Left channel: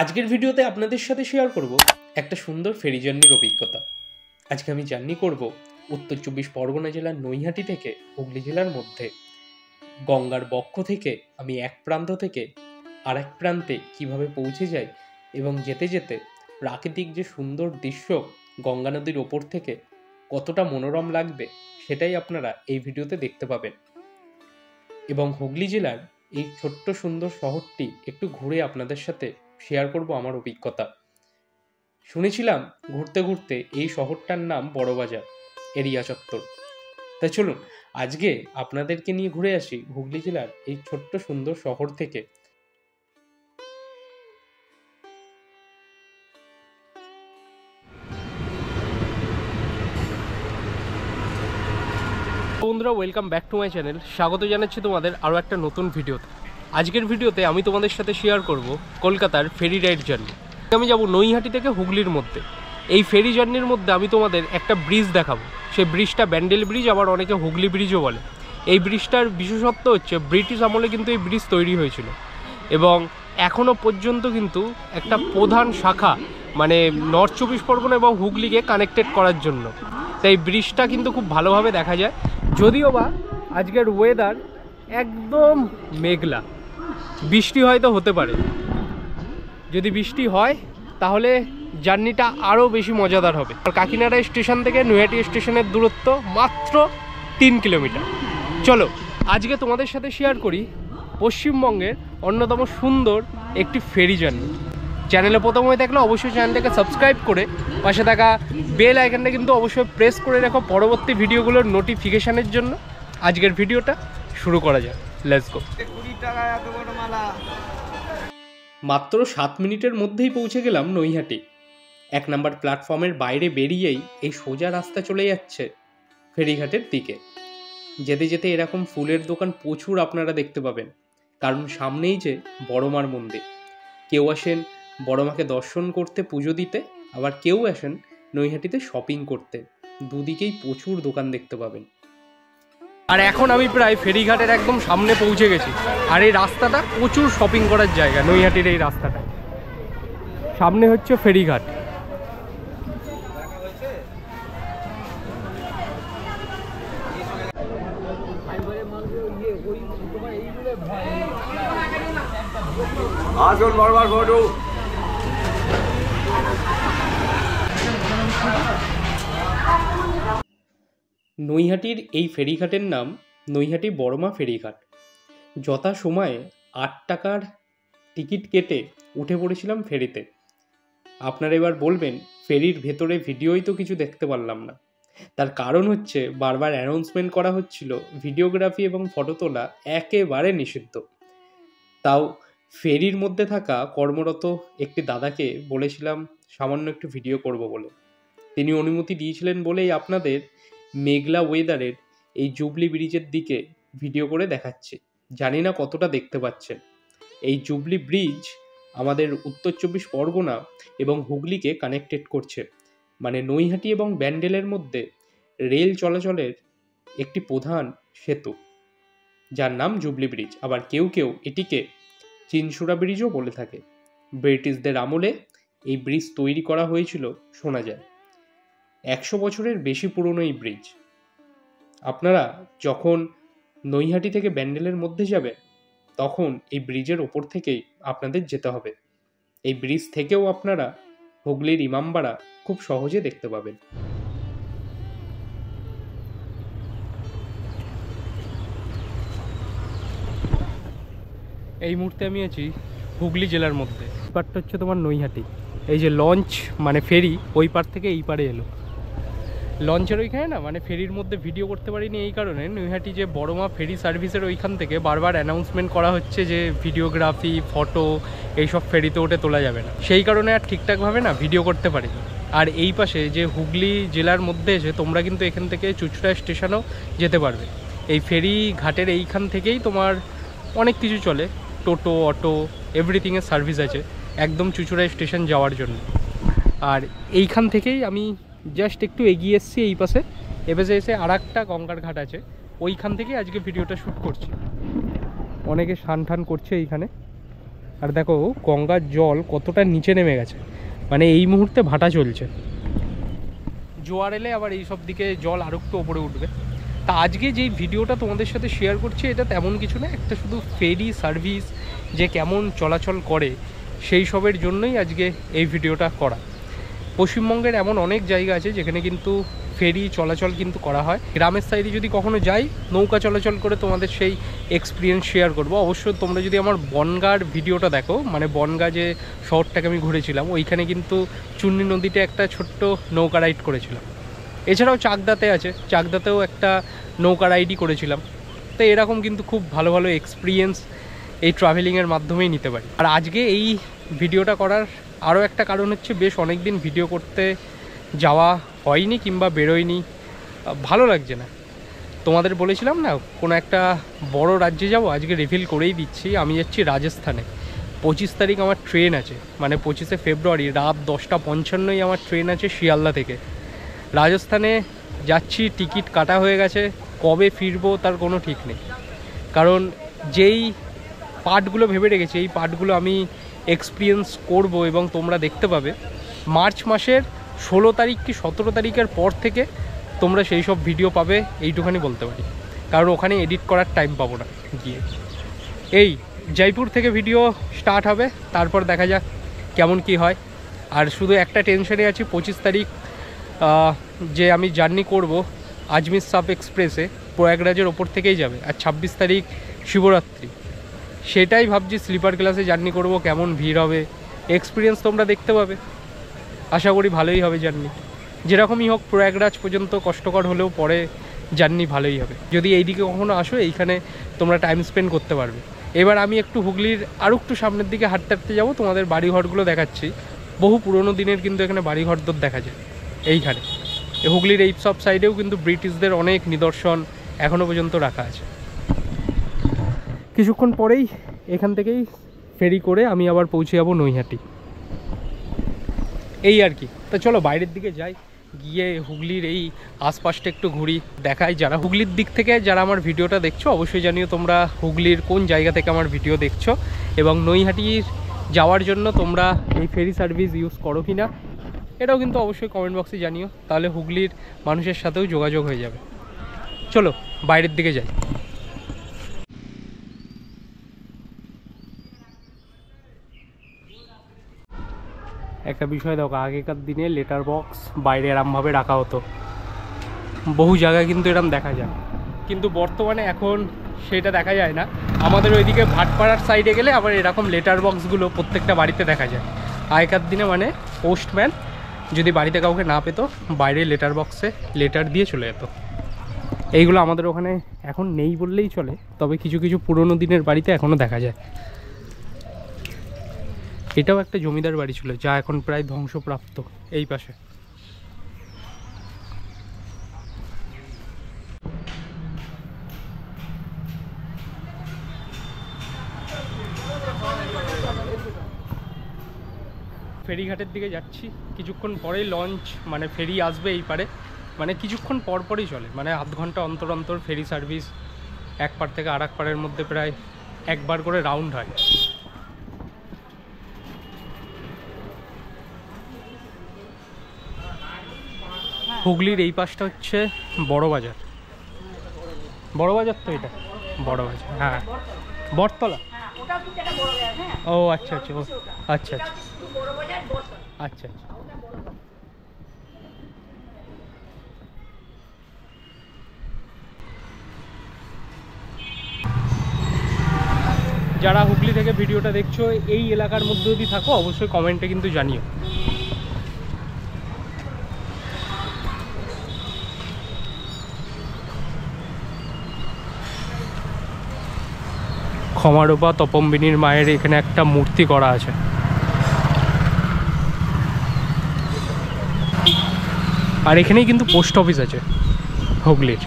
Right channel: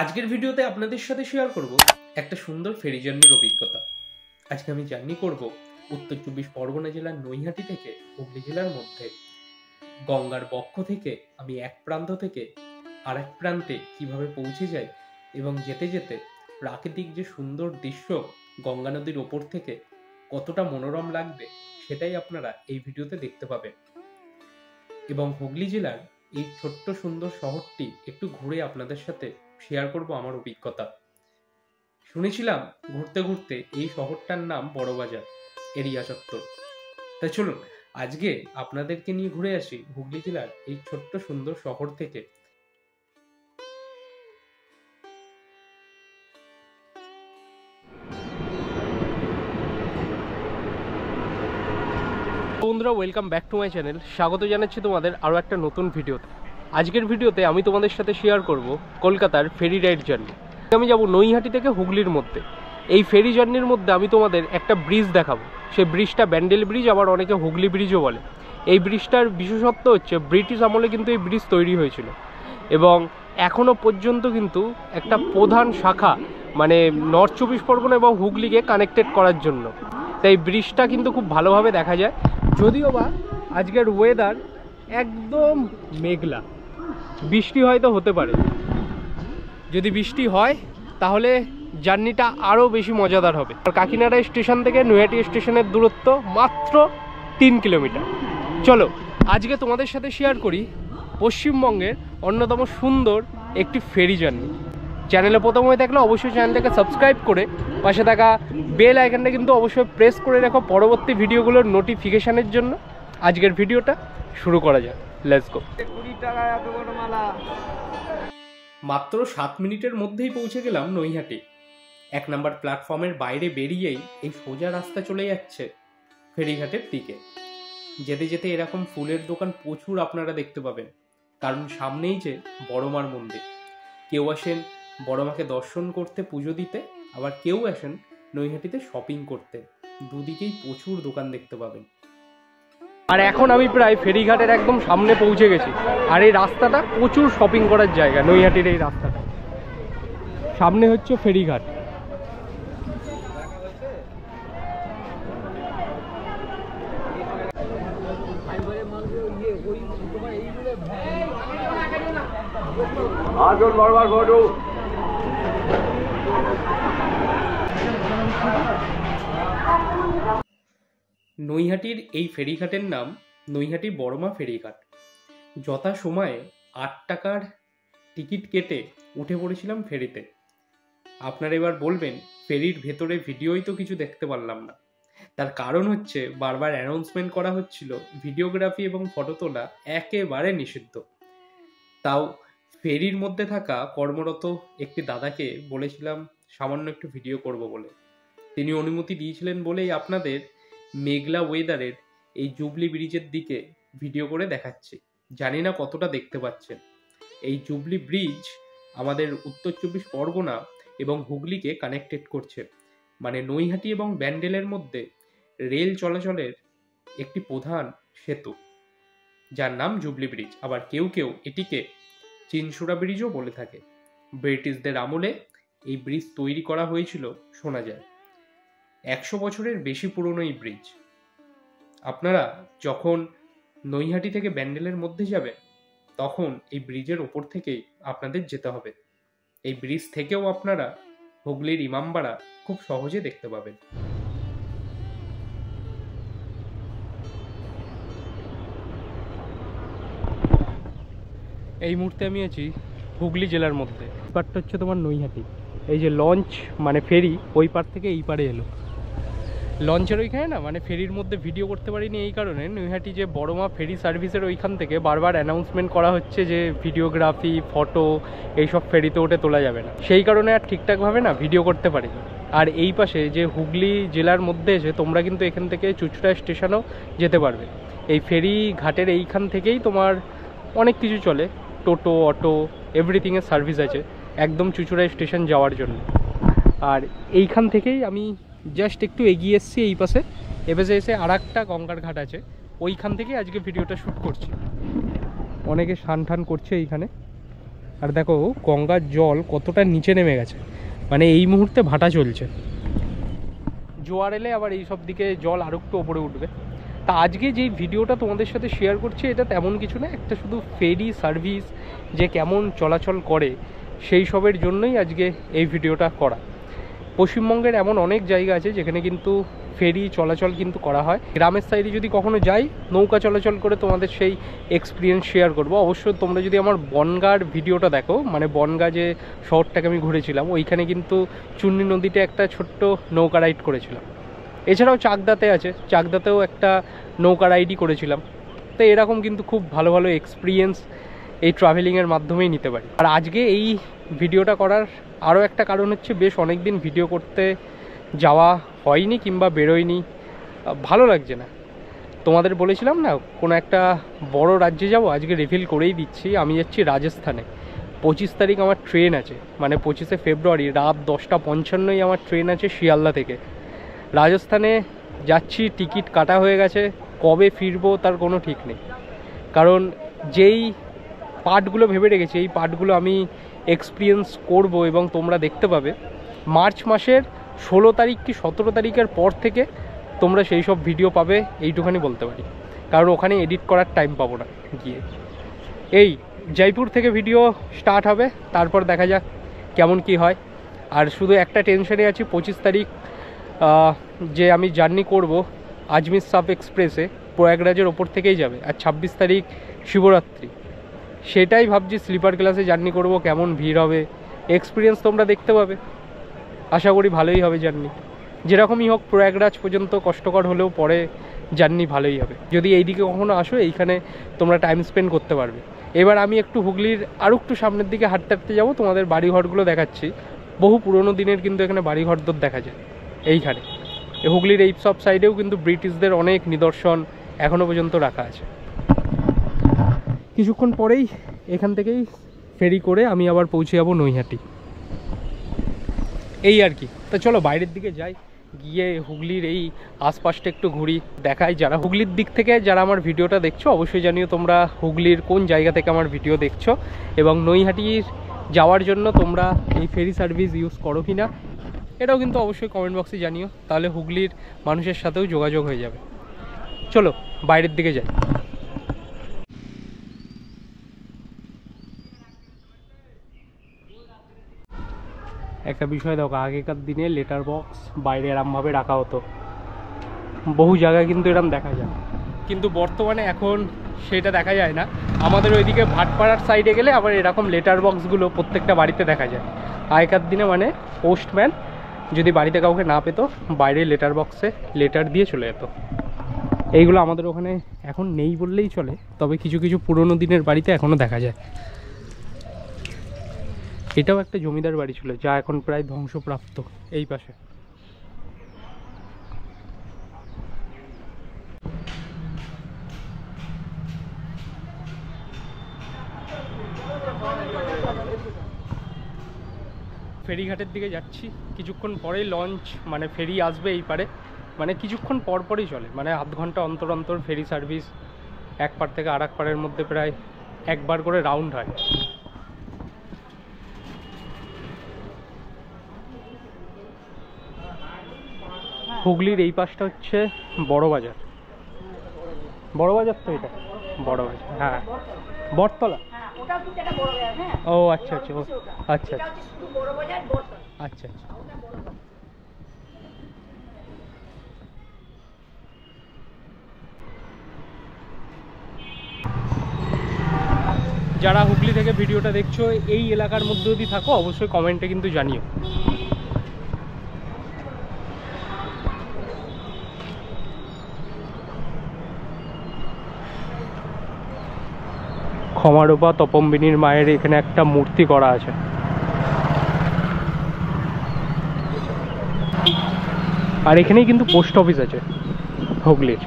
আজকের ভিডিওতে আপনাদের সাথে শেয়ার করব একটা সুন্দর ফেরি জার্নির অভিজ্ঞতা। আজকে আমি জার্নি করব উত্তর 24 পরগনা জেলার নৈহাটি থেকে হুগলি জেলার মধ্যে। গঙ্গার বক্ষ থেকে আমি এক প্রান্ত থেকে আরেক প্রান্তে কিভাবে পৌঁছে যাই এবং যেতে যেতে প্রাকৃতিক যে সুন্দর দৃশ্য গঙ্গা নদীর ওপর থেকে কতটা মনোরম লাগবে সেটাই আপনারা এই ভিডিওতে দেখতে পাবেন। এবং হুগলি জেলার এই ছোট্ট সুন্দর শহরটি একটু ঘুরে আপনাদের সাথে শেয়ার করব আমার অভিজ্ঞতা। শুনেছিলাম ঘুরতে ঘুরতে এই শহরটার নাম বড়বাজার এরিয়া চত্বর। তাই চলুন আজকে আপনাদেরকে নিয়ে ঘুরে আসি হুগলি জেলার এই ছোট্ট সুন্দর শহর থেকে। বন্ধুরা, welcome back to my channel. স্বাগত জানাচ্ছি তোমাদের আরও একটা নতুন ভিডিওতে। আজকের ভিডিওতে আমি তোমাদের সাথে শেয়ার করব কলকাতার ফেরি রাইড জার্নি। আমি যাব নৈহাটি থেকে হুগলির মধ্যে। এই ফেরি জার্নির মধ্যে আমি তোমাদের একটা ব্রিজ দেখাবো। সেই ব্রিজটা ব্যান্ডেল ব্রিজ, আবার অনেকে হুগলি ব্রিজও বলে। এই ব্রিজটার বিশেষত্ব হচ্ছে ব্রিটিশ আমলে কিন্তু এই ব্রিজ তৈরি হয়েছিল এবং এখনও পর্যন্ত কিন্তু একটা প্রধান শাখা মানে নর্থ 24 পরগনা এবং হুগলিকে কানেক্টেড করার জন্য। তাই ব্রিজটা কিন্তু খুব ভালোভাবে দেখা যায়। যদিও বা আজকের ওয়েদার একদম মেঘলা, বৃষ্টি হয়তো হতে পারে। যদি বৃষ্টি হয় তাহলে জার্নিটা আরও বেশি মজাদার হবে। আর কাকিনাড়া স্টেশন থেকে নৈহাটি স্টেশনের দূরত্ব মাত্র 3 কিলোমিটার। চলো আজকে তোমাদের সাথে শেয়ার করি পশ্চিমবঙ্গের অন্যতম সুন্দর একটি ফেরি জার্নি। চ্যানেলে প্রথম হয়ে থাকলে অবশ্যই চ্যানেলটাকে সাবস্ক্রাইব করে পাশে থাকা বেল আইকনটা কিন্তু অবশ্যই প্রেস করে রাখো পরবর্তী ভিডিওগুলোর নোটিফিকেশানের জন্য। আজকের ভিডিওটা শুরু করা যাক, লেটস গো। মাত্র 7 মিনিটের মধ্যেই পৌঁছে গেলাম নৈহাটি। 1 নম্বর প্ল্যাটফর্মের বাইরে বেরিয়েই এই সোজা রাস্তা চলে যাচ্ছে ফেরিঘাটের দিকে। যেতে যেতে এরকম ফুলের দোকান প্রচুর আপনারা দেখতে পাবেন, কারণ সামনেই যে বড়মার মন্দির। কেউ আসেন বড়মাকে দর্শন করতে, পুজো দিতে, আবার কেউ আসেন নৈহাটিতে শপিং করতে। দুদিকেই প্রচুর দোকান দেখতে পাবেন। আর এখন আমি প্রায় ফেরিঘাটের একদম সামনে পৌঁছে গেছি। আর এই রাস্তাটা প্রচুর শপিং করার জায়গা। নৈহাটির এই রাস্তাটা সামনে হচ্ছে ফেরিঘাট। নৈহাটির এই ফেরিঘাটের নাম নৈহাটি বড়মা ফেরিঘাট। যথা সময়ে 8 টাকার টিকিট কেটে উঠে পড়েছিলাম ফেরিতে। আপনারা এবার বলবেন ফেরির ভেতরে ভিডিওই তো কিছু দেখতে পারলাম না। তার কারণ হচ্ছে বারবার অ্যানাউন্সমেন্ট করা হচ্ছিল ভিডিওগ্রাফি এবং ফটো তোলা একেবারে নিষিদ্ধ। তাও ফেরির মধ্যে থাকা কর্মরত একটি দাদাকে বলেছিলাম সামান্য একটু ভিডিও করব বলে। তিনি অনুমতি দিয়েছিলেন বলেই আপনাদের মেঘলা ওয়েদারের এই জুবলি ব্রিজের দিকে ভিডিও করে দেখাচ্ছি। জানি না কতটা দেখতে পাচ্ছেন। এই জুবলি ব্রিজ আমাদের উত্তর 24 পরগনা এবং হুগলিকে কানেক্টেড করছে। মানে নৈহাটি এবং ব্যান্ডেলের মধ্যে রেল চলাচলের একটি প্রধান সেতু, যার নাম জুবলি ব্রিজ। আবার কেউ কেউ এটিকে চিনসুরা ব্রিজও বলে থাকে। ব্রিটিশদের আমলে এই ব্রিজ তৈরি করা হয়েছিল শোনা যায়। 100 বছরের বেশি পুরনো এই ব্রিজ। আপনারা যখন নৈহাটি থেকে ব্যান্ডেলের মধ্যে যাবেন তখন এই ব্রিজের ওপর থেকেই আপনাদের যেতে হবে। এই ব্রিজ থেকেও আপনারা হুগলির ইমামবাড়া খুব সহজে দেখতে পাবেন। এই মুহূর্তে আমি আছি হুগলি জেলার মধ্যে। পারটা হচ্ছে তোমার নৈহাটি। এই যে লঞ্চ মানে ফেরি ওই পার থেকে এই পারে এলো। লঞ্চের ওইখানে না মানে ফেরির মধ্যে ভিডিও করতে পারিনি এই কারণে, নৈহাটি যে বড়মা ফেরি সার্ভিসের ওইখান থেকে বারবার অ্যানাউন্সমেন্ট করা হচ্ছে যে ভিডিওগ্রাফি ফটো এইসব ফেরিতে ওঠে তোলা যাবে না। সেই কারণে আর ঠিকঠাকভাবে না ভিডিও করতে পারিনি। আর এই পাশে যে হুগলি জেলার মধ্যে এসে তোমরা কিন্তু এখান থেকে চুঁচুড়া স্টেশনেও যেতে পারবে। এই ফেরি ঘাটের এইখান থেকেই তোমার অনেক কিছু চলে, টোটো অটো এভরিথিংয়ের সার্ভিস আছে একদম চুঁচুড়া স্টেশন যাওয়ার জন্য। আর এইখান থেকেই আমি জাস্ট একটু এগিয়ে এসেছি এই পাশে। এপাশে এসে আর একটা গঙ্গার ঘাট আছে, ওইখান থেকে আজকে ভিডিওটা শ্যুট করছি। অনেকে স্নান টান করছে এইখানে, আর দেখো গঙ্গার জল কতটা নিচে নেমে গেছে, মানে এই মুহূর্তে ভাটা চলছে। জোয়ার এলে আবার এই সব দিকে জল আরও একটু ওপরে উঠবে। তা আজকে যেই ভিডিওটা তোমাদের সাথে শেয়ার করছি এটা তেমন কিছু না, একটা শুধু ফেরি সার্ভিস যে কেমন চলাচল করে সেই সবের জন্যই আজকে এই ভিডিওটা করা। পশ্চিমবঙ্গের এমন অনেক জায়গা আছে যেখানে কিন্তু ফেরি চলাচল কিন্তু করা হয়। গ্রামের সাইডে যদি কখনো যাই নৌকা চলাচল করে তোমাদের সেই এক্সপিরিয়েন্স শেয়ার করব। অবশ্যই তোমরা যদি আমার বনগাঁর ভিডিওটা দেখো, মানে বনগাঁ যে শহরটাকে আমি ঘুরেছিলাম, ওইখানে কিন্তু চুন্নি নদীতে একটা ছোট্ট নৌকা রাইড করেছিলাম। এছাড়াও চাকদাতে আছে, চাকদাতেও একটা নৌকা রাইডই করেছিলাম। তো এরকম কিন্তু খুব ভালো ভালো এক্সপিরিয়েন্স এই ট্রাভেলিংয়ের মাধ্যমেই নিতে পারি। আর আজকে এই ভিডিওটা করার আরও একটা কারণ হচ্ছে, বেশ অনেক দিন ভিডিও করতে যাওয়া হয়নি কিংবা বেরোয়নি, ভালো লাগছে না। তোমাদের বলেছিলাম না কোনো একটা বড় রাজ্যে যাব, আজকে রিভিল করেই দিচ্ছি। আমি যাচ্ছি রাজস্থানে। 25 তারিখ আমার ট্রেন আছে, মানে 25শে ফেব্রুয়ারি রাত 10:55 আমার ট্রেন আছে শিয়ালদা থেকে। রাজস্থানে যাচ্ছি, টিকিট কাটা হয়ে গেছে, কবে ফিরবো তার কোনো ঠিক নেই। কারণ যেই পার্টগুলো ভেবে রেখেছি এই পার্টগুলো আমি এক্সপিরিয়েন্স করব এবং তোমরা দেখতে পাবে। মার্চ মাসের 16 তারিখ কি 17 তারিখের পর থেকে তোমরা সেই সব ভিডিও পাবে, এইটুখানি বলতে পারি। কারণ ওখানে এডিট করার টাইম পাবো না গিয়ে। এই জয়পুর থেকে ভিডিও স্টার্ট হবে, তারপর দেখা যাক কেমন কি হয়। আর শুধু একটা টেনশনে আছি, 25 তারিখ যে আমি জার্নি করব আজমির সাব এক্সপ্রেসে, প্রয়াগরাজের ওপর থেকেই যাবে। আর 26 তারিখ শিবরাত্রি, সেটাই ভাবছি স্লিপার ক্লাসে জার্নি করব, কেমন ভিড় হবে এক্সপিরিয়েন্স তোমরা দেখতে পাবে। আশা করি ভালোই হবে জার্নি, যেরকমই হোক প্রয়াগরাজ পর্যন্ত কষ্টকর হলেও পরে জার্নি ভালোই হবে। যদি এইদিকে কখনো আসো এইখানে তোমরা টাইম স্পেন্ড করতে পারবে। এবার আমি একটু হুগলির আরও একটু সামনের দিকে হাঁটতে হাঁটতে যাবো, তোমাদের বাড়িঘরগুলো দেখাচ্ছি। বহু পুরনো দিনের কিন্তু এখানে বাড়িঘরদর দেখা যায় এইখানে। হুগলির এই সব সাইডেও কিন্তু ব্রিটিশদের অনেক নিদর্শন এখনও পর্যন্ত রাখা আছে। কিছুক্ষণ পরেই এখান থেকেই ফেরি করে আমি আবার পৌঁছে যাবো নৈহাটি, এই আর কি। তো চলো বাইরের দিকে যাই, গিয়ে হুগলির এই আশপাশটা একটু ঘুরি, দেখাই। যারা হুগলির দিক থেকে যারা আমার ভিডিওটা দেখছো অবশ্যই জানিও তোমরা হুগলির কোন জায়গা থেকে আমার ভিডিও দেখছো, এবং নৈহাটির যাওয়ার জন্য তোমরা এই ফেরি সার্ভিস ইউজ করো কি না এটাও কিন্তু অবশ্যই কমেন্ট বক্সে জানিও, তাহলে হুগলির মানুষের সাথেও যোগাযোগ হয়ে যাবে। চলো বাইরের দিকে যাই। একটা বিষয় দেখো, আগেকার দিনে লেটার বক্স বাইরে এরমভাবে রাখা হতো, বহু জায়গায় কিন্তু এরম দেখা যায়, কিন্তু বর্তমানে এখন সেটা দেখা যায় না। আমাদের ওইদিকে ভাটপাড়ার সাইডে গেলে আবার এরকম লেটার বক্সগুলো প্রত্যেকটা বাড়িতে দেখা যায়। আগেকার দিনে মানে পোস্টম্যান যদি বাড়িতে কাউকে না পেতো, বাইরে লেটার বক্সে লেটার দিয়ে চলে যেত। এইগুলো আমাদের ওখানে এখন নেই বললেই চলে, তবে কিছু কিছু পুরনো দিনের বাড়িতে এখনও দেখা যায়। এটাও একটা জমিদার বাড়ি ছিল যা এখন প্রায় ধ্বংসপ্রাপ্ত। এই পাশে ফেরিঘাটের দিকে যাচ্ছি, কিছুক্ষণ পরেই লঞ্চ মানে ফেরি আসবে এই পারে, মানে কিছুক্ষণ পরপরই চলে, মানে আধ ঘন্টা অন্তর অন্তর ফেরি সার্ভিস এক পার থেকে আর এক পারের মধ্যে প্রায় একবার করে রাউন্ড হয়। হুগলির এই পাশটা হচ্ছে বড় বাজার, বড় বাজার তো এটা বড় বাজার, হ্যাঁ বটতলা। ও আচ্ছা আচ্ছা, ও আচ্ছা আচ্ছা আচ্ছা আচ্ছা। যারা হুগলি থেকে ভিডিওটা দেখছো এই এলাকার মধ্যে যদি থাকো অবশ্যই কমেন্টে কিন্তু জানিও। ক্ষমারূপা তপম্বিনীর মায়ের এখানে একটা মূর্তি করা আছে। আর এখানেই কিন্তু পোস্ট অফিস আছে হুগলির।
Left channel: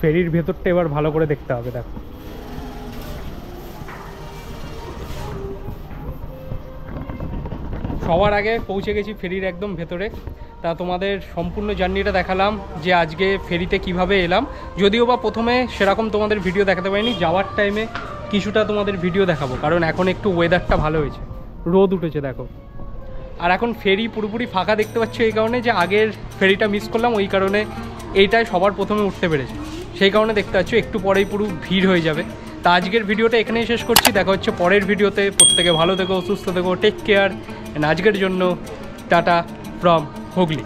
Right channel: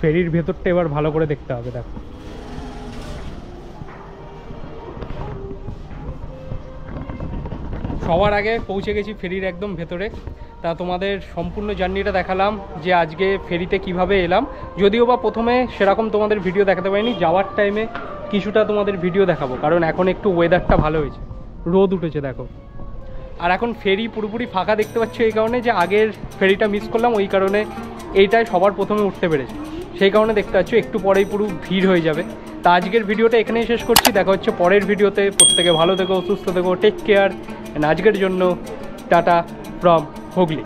ফেরির ভেতরটা এবার ভালো করে দেখতে হবে। দেখো সবার আগে পৌঁছে গেছি ফেরির একদম ভেতরে। তা তোমাদের সম্পূর্ণ জার্নিটা দেখালাম যে আজকে ফেরিতে কিভাবে এলাম। যদিও বা প্রথমে সেরকম তোমাদের ভিডিও দেখাতে পারিনি, যাওয়ার টাইমে কিছুটা তোমাদের ভিডিও দেখাবো, কারণ এখন একটু ওয়েদারটা ভালো হয়েছে, রোদ উঠেছে দেখো। আর এখন ফেরি পুরোপুরি ফাঁকা দেখতে পাচ্ছ এই কারণে যে আগের ফেরিটা মিস করলাম, ওই কারণে এইটাই সবার প্রথমে উঠতে পেরেছে, সেই কারণে দেখতে পাচ্ছ একটু পরেই পুরো ভিড় হয়ে যাবে। তা আজকের ভিডিওটা এখানেই শেষ করছি, দেখা হচ্ছে পরের ভিডিওতে। প্রত্যেকে ভালো থেকো, সুস্থ থেকো, টেক কেয়ার। আজকের জন্য টাটা ফ্রম হুগলি।